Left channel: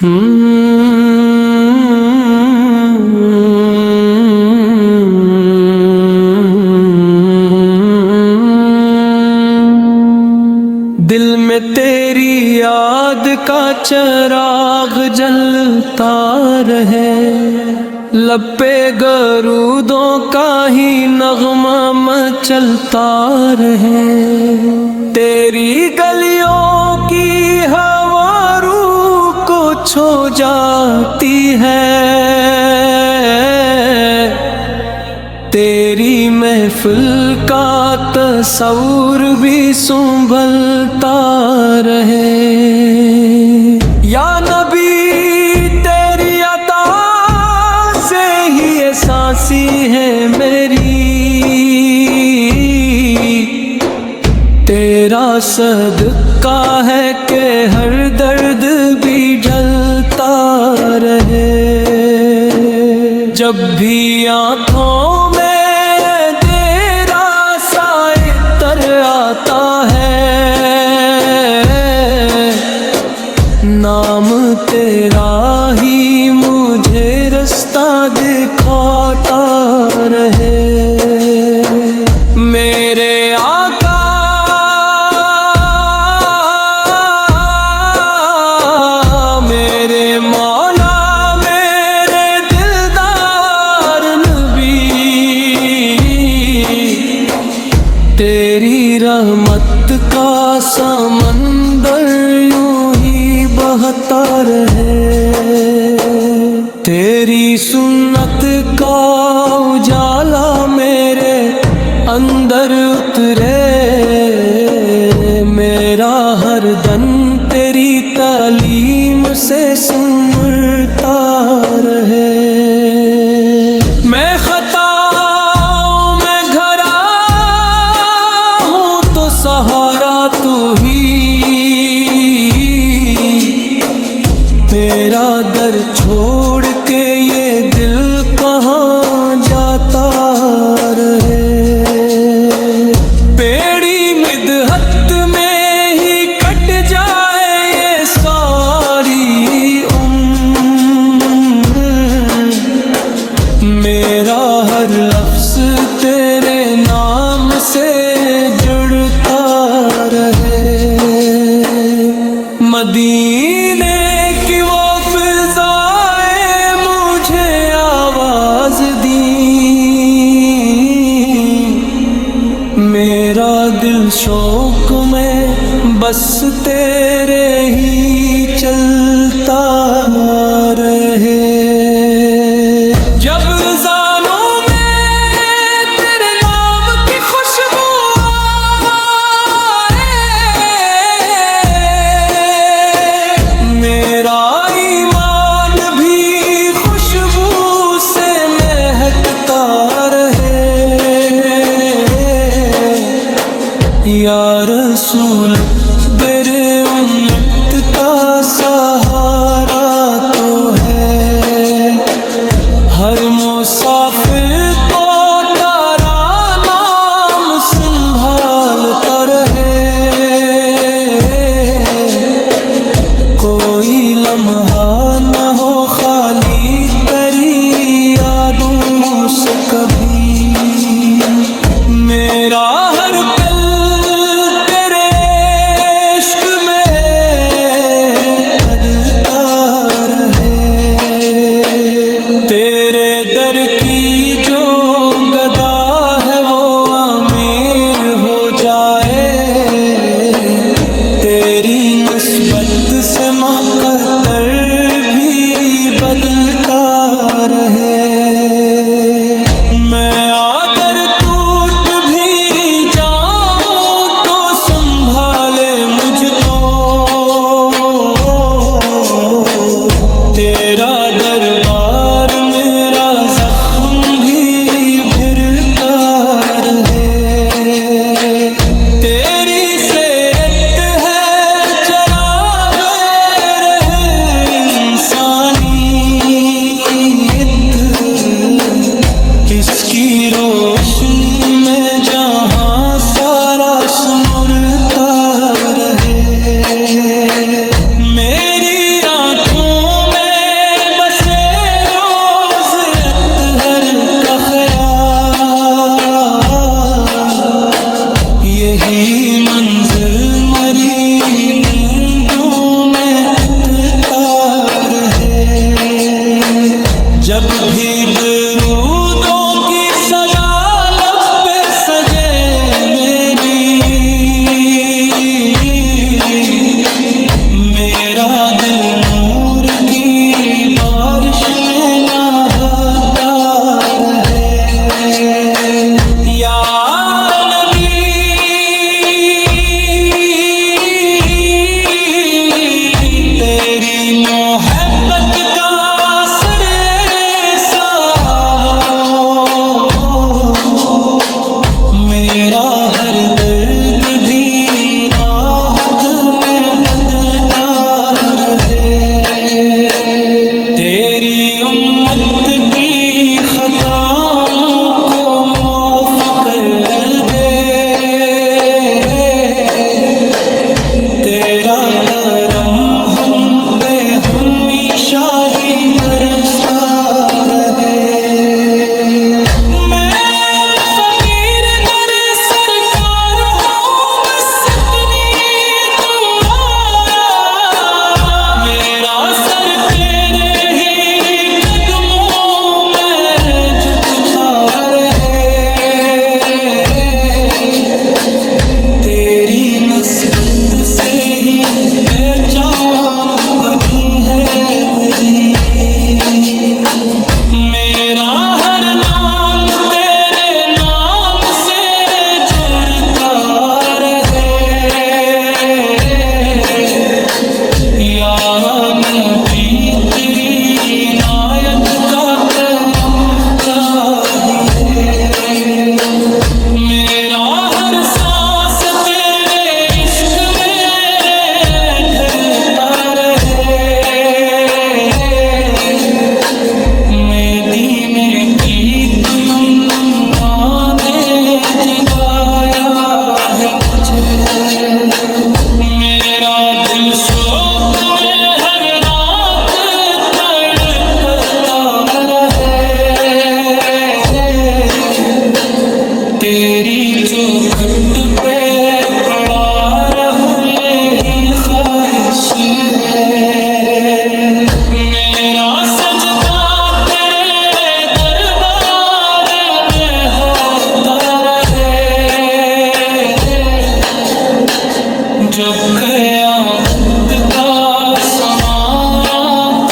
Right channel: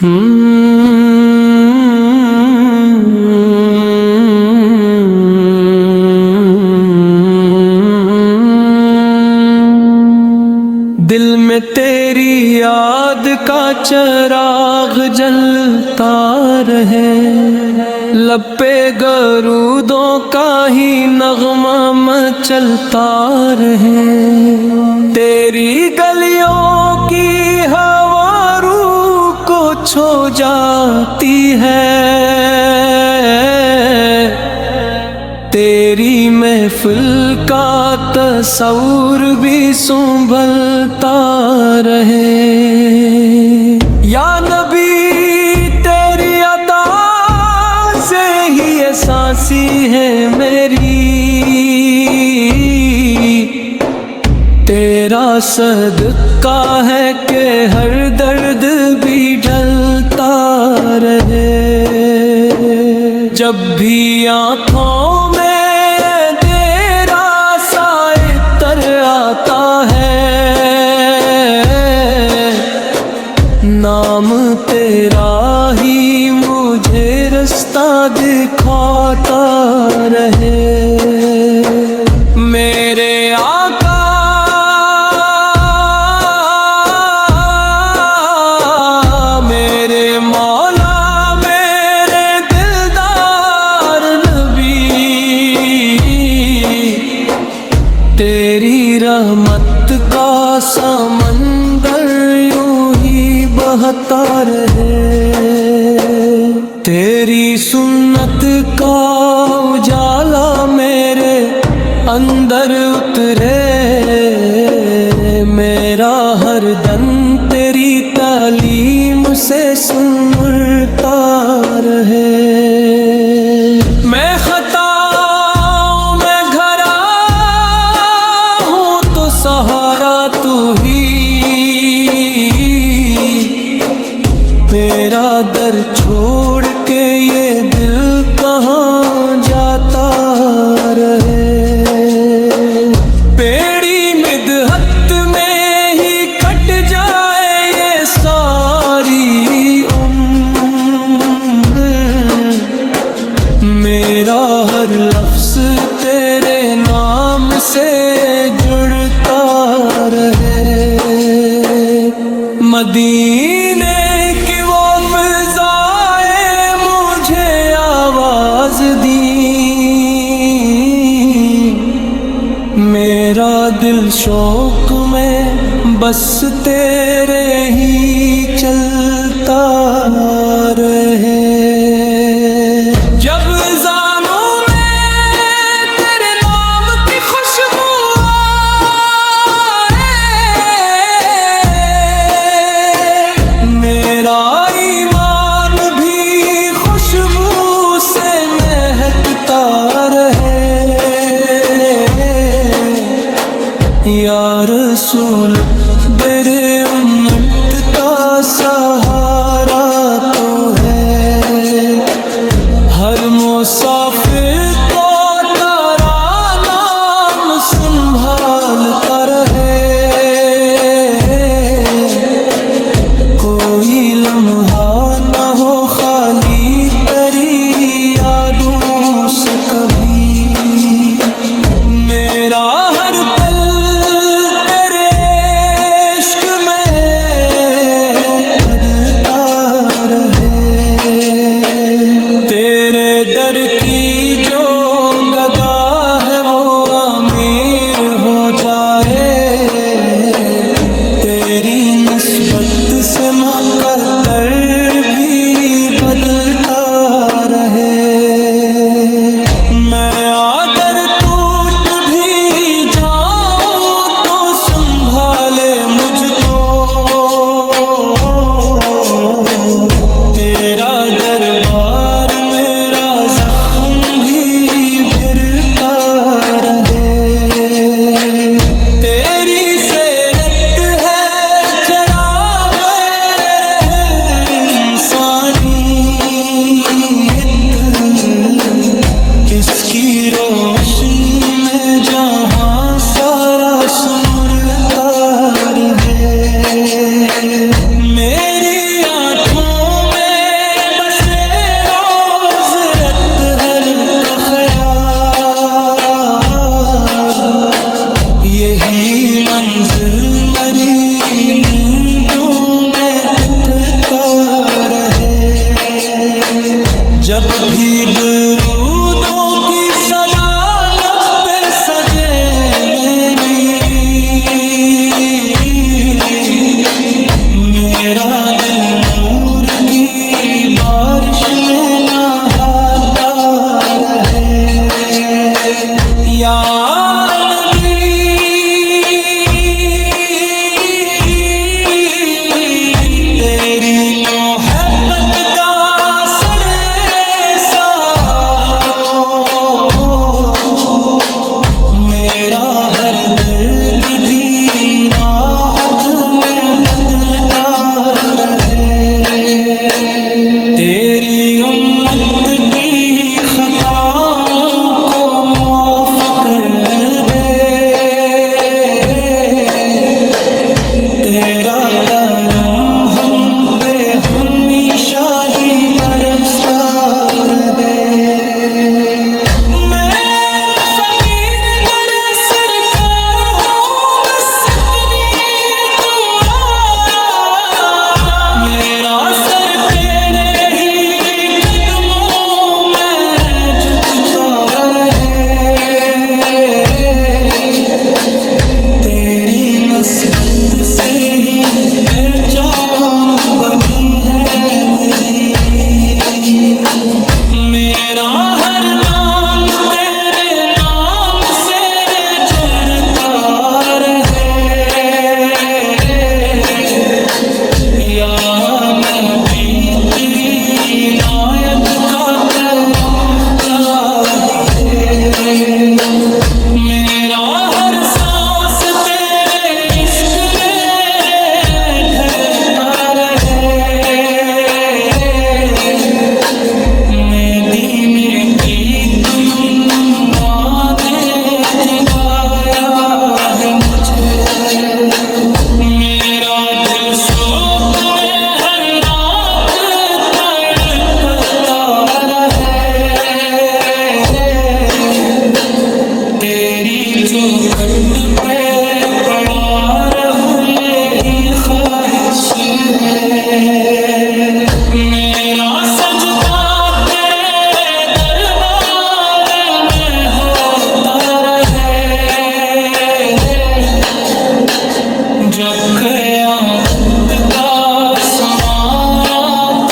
دل میں تیری یاد کا چراغ جلتا رہے، لب پہ درودوں کا ہی نغمہ مچلتا رہے، تیری گلیوں کی ہوا روح کو چھو جاتی ہے، تیری محفل کا تصور بھی سنبھلتا رہے۔ یا نبی تیری عطا سے ہی سانسی ہے میری، تیرا صدقہ ہے کہ ہر درد بھی ڈھلتا رہے، جب بھی آنکھوں میں تیرا سائے تر آتا ہے، نام تیرا ہی مجھے رستہ دکھاتا رہے۔ میرے آقا میرے مولا میرے دلدار نبی، تیری رحمت کا سمندر یوں ہی بہتا رہے، تیری سنت کا اجالا میرے اندر اترے، میرا ہر دن تیری تعلیم سے سنورتا رہے۔ میں خطاؤں میں گھرا ہوں تو سہارا تو ہی، میرا در چھوڑ کے یہ دل کہاں جاتا رہے، پیڑی مدحت میں ہی کٹ جائے یہ ساری عمر، میرا ہر لفظ تیرے نام سے جڑتا رہے۔ مدینے کی وہ فضائیں مجھے آواز دی، میرا دل شوق میں بس تیرے ہی چلتا رہے۔ جب زانوں میں تیرے نام کی خوشبو میرا ایمان بھی خوشبو سے مہکتا رہے۔ یا رسول تیرے امت کا سہارا تو ہے، ہر مسافر کو تیرا نام سنبھالتا رہے، کوئی لمحہ نہ ہو خالی تیری یادوں سے کبھی، میرا ہر پل تیرے عشق میں بڑھتا رہے، تیرے در کی جو گدا ہے وہ امیر ہو جائے، تیری نسبت سے مقدر بھی بدلتا رہے۔ میں اگر ٹوٹ بھی جاؤں تو سنبھالے مجھ کو، تیرا دربار میرا زخم بھی بھرتا رہے، تیری سیرت ہے چراغ رہے انسانیت، اس کی روشنی میں جہاں سارا سنورتا رہے، میری آنکھوں سے روز اطہر کا خیال، یہی منظر مری نیندوں میں اٹھتا رہے۔ جب بھی درودوں کی صدا لب پہ سجے میری، میرا دل نور کی بارش میں نہاتا رہے۔ یا نبی تیری محبت کا اثر ایسا ہو، میرا ہر درد بھی راحت میں بدتا رہے۔ تیری امت کی خطاؤں کو معاف کر دے، تیرا کرم ہم پہ ہمیشہ ہی برستا رہے۔ میں فقیر در سرکار ہوں، بس اتنی دعا، میرا سر تیرے ہی قدموں میں جھکتا رہے۔ تیری نسبت سے ہی پہچان بنی ہے میری، میرا ہر نام تیرے نام سے جڑتا رہے۔ یا نبی تیری عنایت کا کرم چاہیے، میرا ہر سانس تیرے عشق میں ڈھلتا رہے۔ میں دین پریت منا نے جگایا ہے مجھے، میرا دل شوق میں ہر رات تڑپتا رہے۔ تیری چوکھٹ پہ پڑا رہوں یہی خواہش ہے، میرا سجدہ تیرے دربار میں ہوتا رہے۔ جب قیامت کا سماعت